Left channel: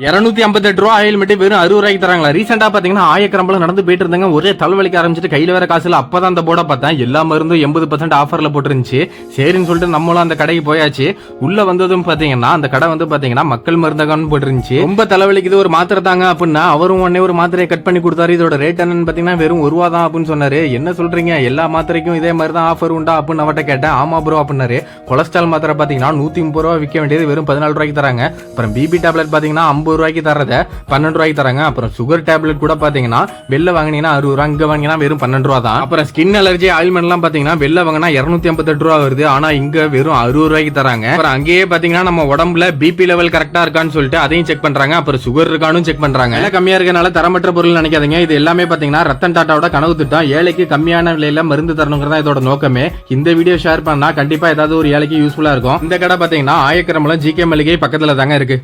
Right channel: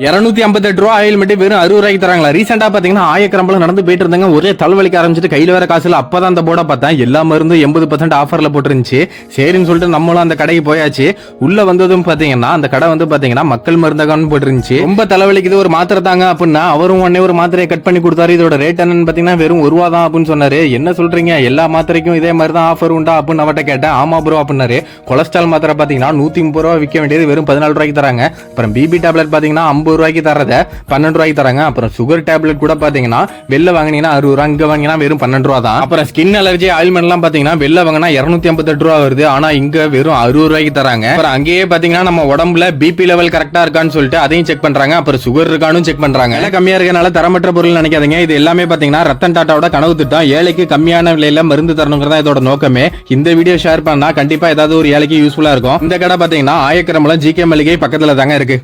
258 ரூபா ஆயில் மட்டும் வெறும் 60 ரூபாய்க்கு தராங்களா? ரீசெண்டா பாத்தீங்கன்னா ஆயக்கரம்பலம் நடந்து போயிட்டு இருந்தாங்க, ஒரே தலவலிக்க ஆரம்பிச்சிட்டு கையில வேற காசு இல்ல. அப்பதான் அந்த போர்டை பார்த்தேன், எல்லா மருந்தும் 80% ஆஃபர்ல போட்டுருந்துச்சு. சரின்னு சொல்லிட்டு நம்மளும் அந்த கடைக்கு போயாச்சு. உள்ள வந்ததும் பாத்தீங்கன்னா அந்த கடை வந்து பாத்தீங்கன்னா மக்கள் மருந்தகம்னு போட்டுருந்துச்சு. ரொம்ப தலைவலிக்குது, ஒரு மாத்திரை தாங்க அப்படின்னா அவரும் உடனே ஒரு மாத்திரையை கட் பண்ணி கொடுத்தாரு. இதோட ரேட் என்னன்னு பாத்தீங்கன்னா வெறும் 1 ரூபா தான் அப்படின்னு சொன்னாரு. என்ன சொல்றீங்க, எல்லா மாத்திரைக்கும் இதே மாதிரி தான் ஆஃபர் உண்டா அப்படின்னு அவட்ட கேட்டேன். ஆமா ப்ரோ அப்படின்னாரு. கொலஸ்ட்ரால் மாத்திரை பாத்தீங்கன்னா 130 ரூபா விற்க வேண்டியது வெறும் 14 ரூபாய்க்கு தராங்க. அப்புறம் பிபி டேப்லெட் பாத்தீங்கன்னா 50 ரூபாய்க்கு தரத 12 ரூபாய்க்கு தராங்க. அப்புறம் சுகர் டேப்லெட் கூட பாத்தீங்கன்னா வெளில வாங்கினீங்கன்னா 60 ரூபா, இங்க வாங்கினா வெறும் 12 ரூபா தான். அப்புறம் ஸ்கின் அலர்ஜி ஆயில்மெண்ட் எல்லாம் பாத்தீங்கன்னா வெளில வாங்கினா 258 ரூபா வருது, ஆனா இங்க வெறும் 60 ரூபாய்க்கு தராங்க. அப்புறம் அங்கேயே பாத்தீங்கன்னா நம்ம உடம்புல பிபி லெவல் கரெக்டா இருக்கான்னு சொல்லிட்டு அதையும் செக் பண்றாங்க. அப்புறம் சுகர் இருக்கான்னு செக் பண்றாங்க. விலை கம்மியா இருக்கனால தரமற்ற பொருள் நினைக்காதீங்க. இது எல்லாமே பாத்தீங்கன்னா ரத்தன் டாட்டாவோட கனவு திட்டம். ஏழைக்கு கம்மியான விலையில மருந்து தரணுங்கிறதா இதோட நோக்கமே. இந்த வீடியோ ஷேர் பண்ணா கண்டிப்பா ஏதாவது ஒரு ஏழைக்கு யூஸ்ஃபுல்லா இருக்கும். இந்த கடை பாத்தீங்கன்னா ஆயக்கரம்பலம் ஜிகே மளிகை பக்கத்துல தாங்க இருக்கு.